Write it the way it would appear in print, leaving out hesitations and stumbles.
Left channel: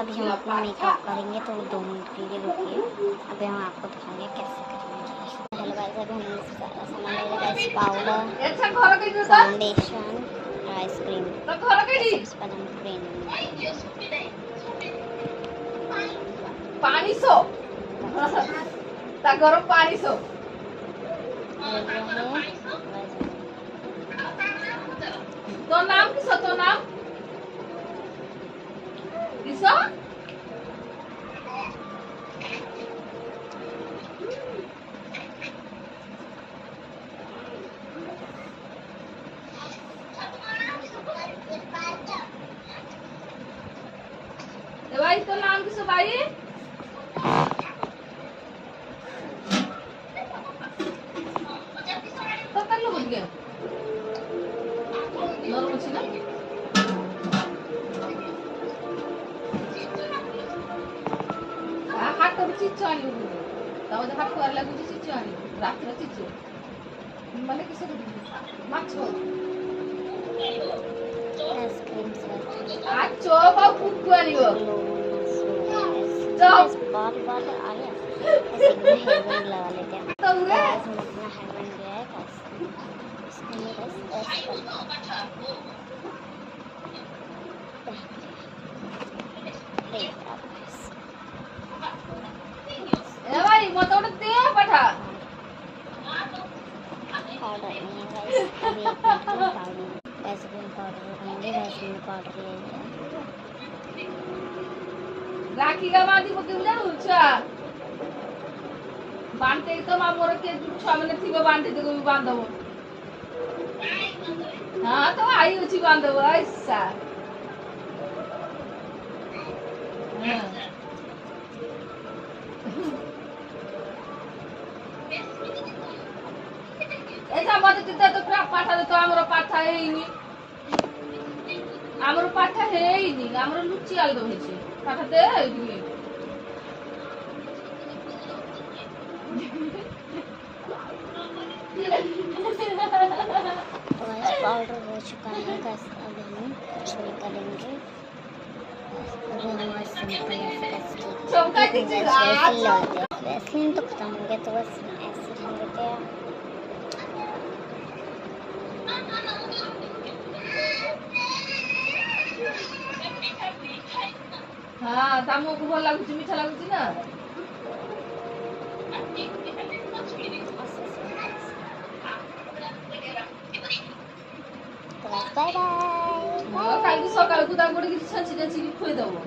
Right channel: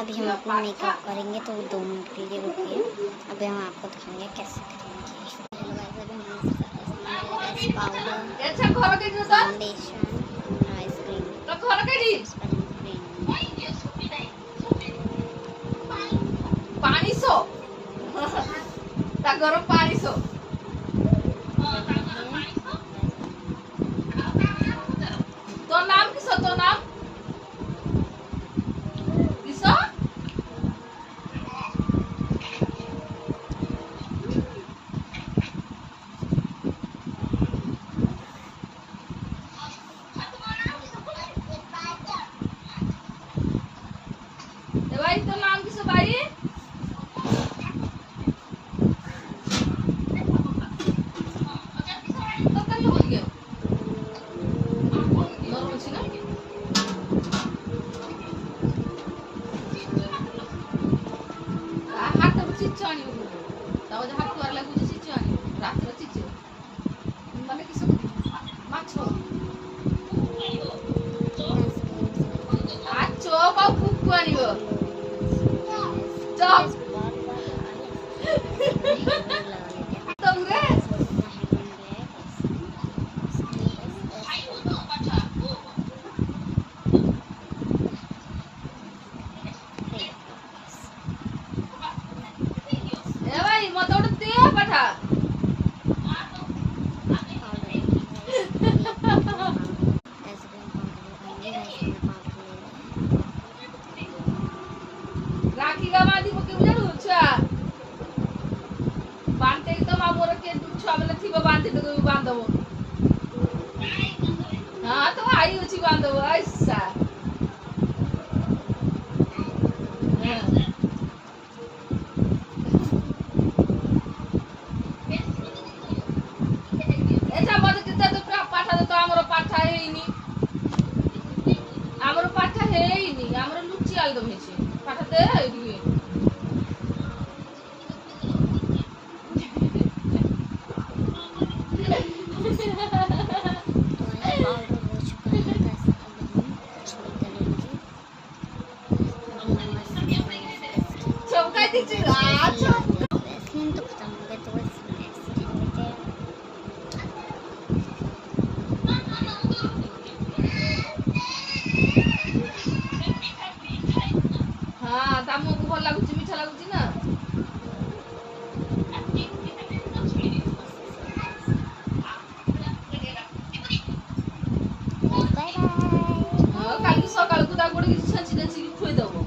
अभी हम अपना मेकअप करेंगे तो 2 मिनट के लिए रुकिए। अभी हम आपको दिखाएंगे कैसे करेंगे। हेलो गाइस, अभी हमने सारा सामान ले लिया गाइस, पाउडर, फाउंडेशन, आइसक्रीम। सबसे पहले हम क्रीम पानी सो ता गरम पानी सो तो नाम किसो तो नाम किसो भाई तो नाम किसो भाई तो कर लो बोलिए नॉर्मल छी ना हाथ तो चिच्चो आनी ताव जे हाथ कर लागु चिच्चो आनी रात रे चिच्चो माने किसो माछो आछो बा कुकु आनियो बस बाल आ गया। ऐसे हेयर बैंड लगा लेते हैं। तुम रे हम अपना हेयर बैंड लिया है गाइस, इसको हम गाइस ऐसे करते हैं। अरे यार गाइस, ए भाई मत उड़ते पठा पाउडर नहीं है गाइस, अभी पाउडर ऐसे भी हम पाउडर लगाएंगे गाइस। हमने पाउडर ले लिया है। राखी का मादी को केउ जानु छा बांधते तो मा मोर के छुआ माने थिबो बांधते तो भी बांधबो हां तो आई अछि बांधबो ऐसा ऐसा बात के तो पाठा तो हमरो पाठा हेइनी हमरो पाठा हेइनी हमरो लुच्ची आल दो हेछि पाठा दे हेइनी तो गाइस पाउडर हो चुका है गाइस, अब हम कुछ नहीं करेंगे। अभी हम बस सिंपल ऐसे चौका दीजिए वैसलीन तो खत्म हो गया, तो बस ऐसे कर लेते हैं। हां तामो को भल लागुची मीठा लागुची ना बाय बाय। काली सकाळ को दागोडी छाची छाची खोई दबो।